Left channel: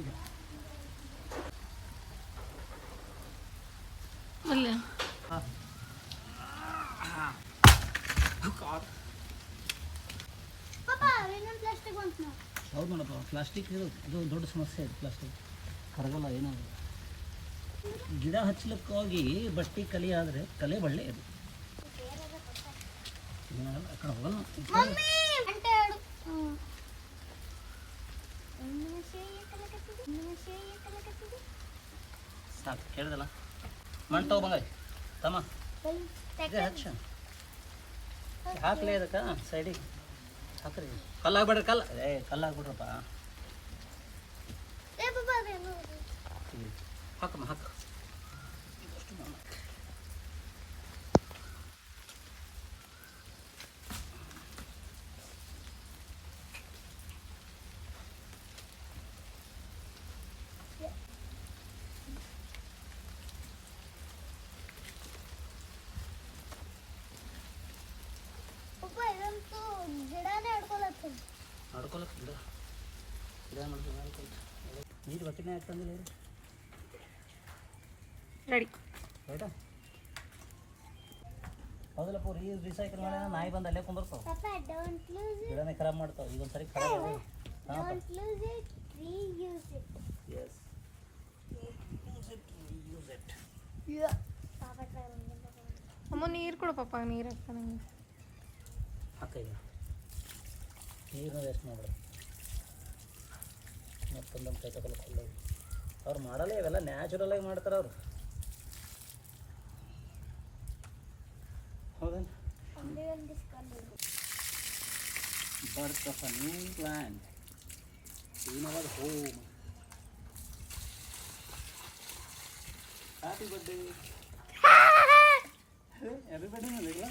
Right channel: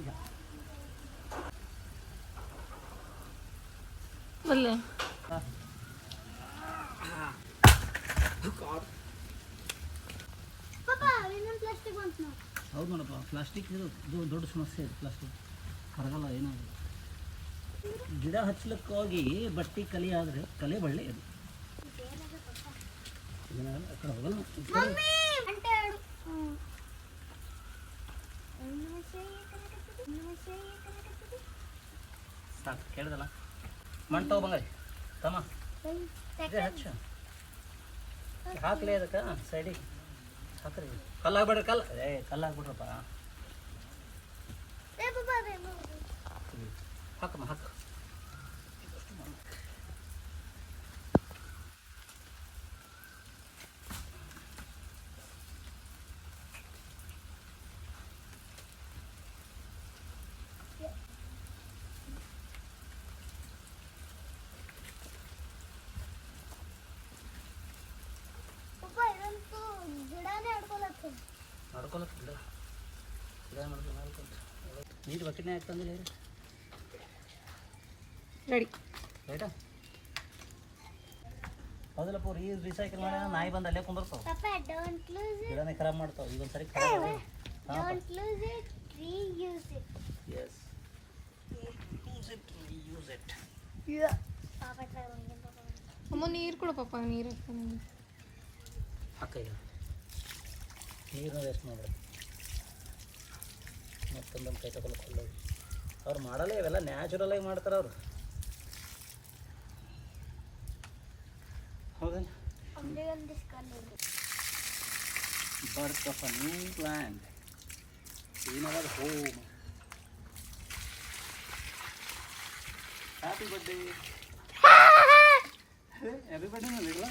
ಈಗ ಅಲ್ಲ ಹೌದು ನೋಡಪ್ಪ, ಪ್ಲಾಸ್ಟಿಕ್ ಅದು ದೊಡ್ಡ ಸಮಸ್ಯೆ ಇದೆ. ಪ್ಲಾಸ್ಟಿಕ್ ಕರಗಲ್ಲ, ಏನಾಗಲ್ಲ. ಗಿಡ ಹಚ್ಚಲಿಕ್ಕೆ ಹೋಗಿ ಬಟ್ಟಿ ಕಲಿ ಆದರೆ ಕಲೆ ಒಳ್ಳೆ ಇದು. ಏನಾಗಲ್ಲ, ಆ ಕಡೆ ಹೋಗಲ್ಲ. ಸಾಕು ಕೇಳಿದಲ್ಲ. ಮಣ್ಣು ತಗೊಬಂಗಾರಿ ತಮ್ಮ, ಇದೆ ಹಚ್ಚ ಹಾಕ್ಲಿ ಅದಕ್ಕೆ ಸೈಡಿಗೆ ಹಾಕ್ರಿ. ಕಲ್ಲು ಆಗ್ಬೇಡ್ರಿ, ಕಲ್ಲು ಆಗ್ಬಿಡ್ರಪ್ಪ. ಹಾಕಮ್ಮ ಹಾಕು. ಇದಷ್ಟು ಮಣ್ಣು ಮಾಡ್ಕೊಳಕ್ಕೆ ಗಿಡ ಮಾಡ್ಕೊಂಡು ನೀರು ಬಕೆಟ್ನೇ ಹಾಕ್ತಂದಿಲ್ಲ ಇವರು. ರೆಡಿ ರೈಟಾ? ಹೌದಲ್ಲಪ್ಪ, ರೀಸೈಕಲ್ ಮಾಡಿ ನಾಯಿ ಬಂದು ಅಲ್ಲೇ ಕುಂದಿರ್ತಾವ, ಗಿಡನೇ ಖರಾಬ್ ಮಾಡ್ತಾವ. ಈಗ ಒಂದ್ಸರಿ ಖರಾಬ್ ಅಮ್ಮ ನೀರು ಕೊಡು ಪಾಪ, ನೀರು ಹಾಕ್ತಾನೆ. ಹಾಕ ಈಗ ನೀರನ್ನ ವೇಸ್ಟ್ ಮಾಡ್ಬೇಡ. ಮತ್ತೊಂದೊಂದು ಕೈ ತಗೊಳ್ಕೊಳ್ಳೋದು ಅವ್ರು ಮಾಡಲ್ಲ, ಇವೆಲ್ಲ ನ್ಯಾಚುರಲಾಗಿ ಮಾಡ್ತಾರೆ ಅವರು. ಹೌದೇನು? ಬರ್ತ್ of a new plant in our home. Happy birthday. Happy birthday ಮಾಡಿಲ್ಲ,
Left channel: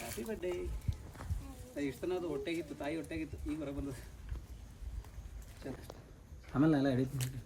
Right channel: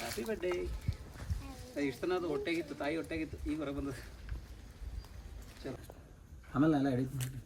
ಹ್ಯಾಪಿ ಬರ್ಡೇ. ಇಷ್ಟು ತನ ಅದು ಹೊಟ್ಟೆಗಿತ್ತು, ತಾಯಿ ಹೊಟ್ಟೆಗಿತ್ತು, ಈಗ ಹೊರಗೆ ಬಂದದ್ದು. ಚಲೋ, ಆಮೇಲೆ ಎಲ್ಲ ಹಿಡಿತೀನಿ.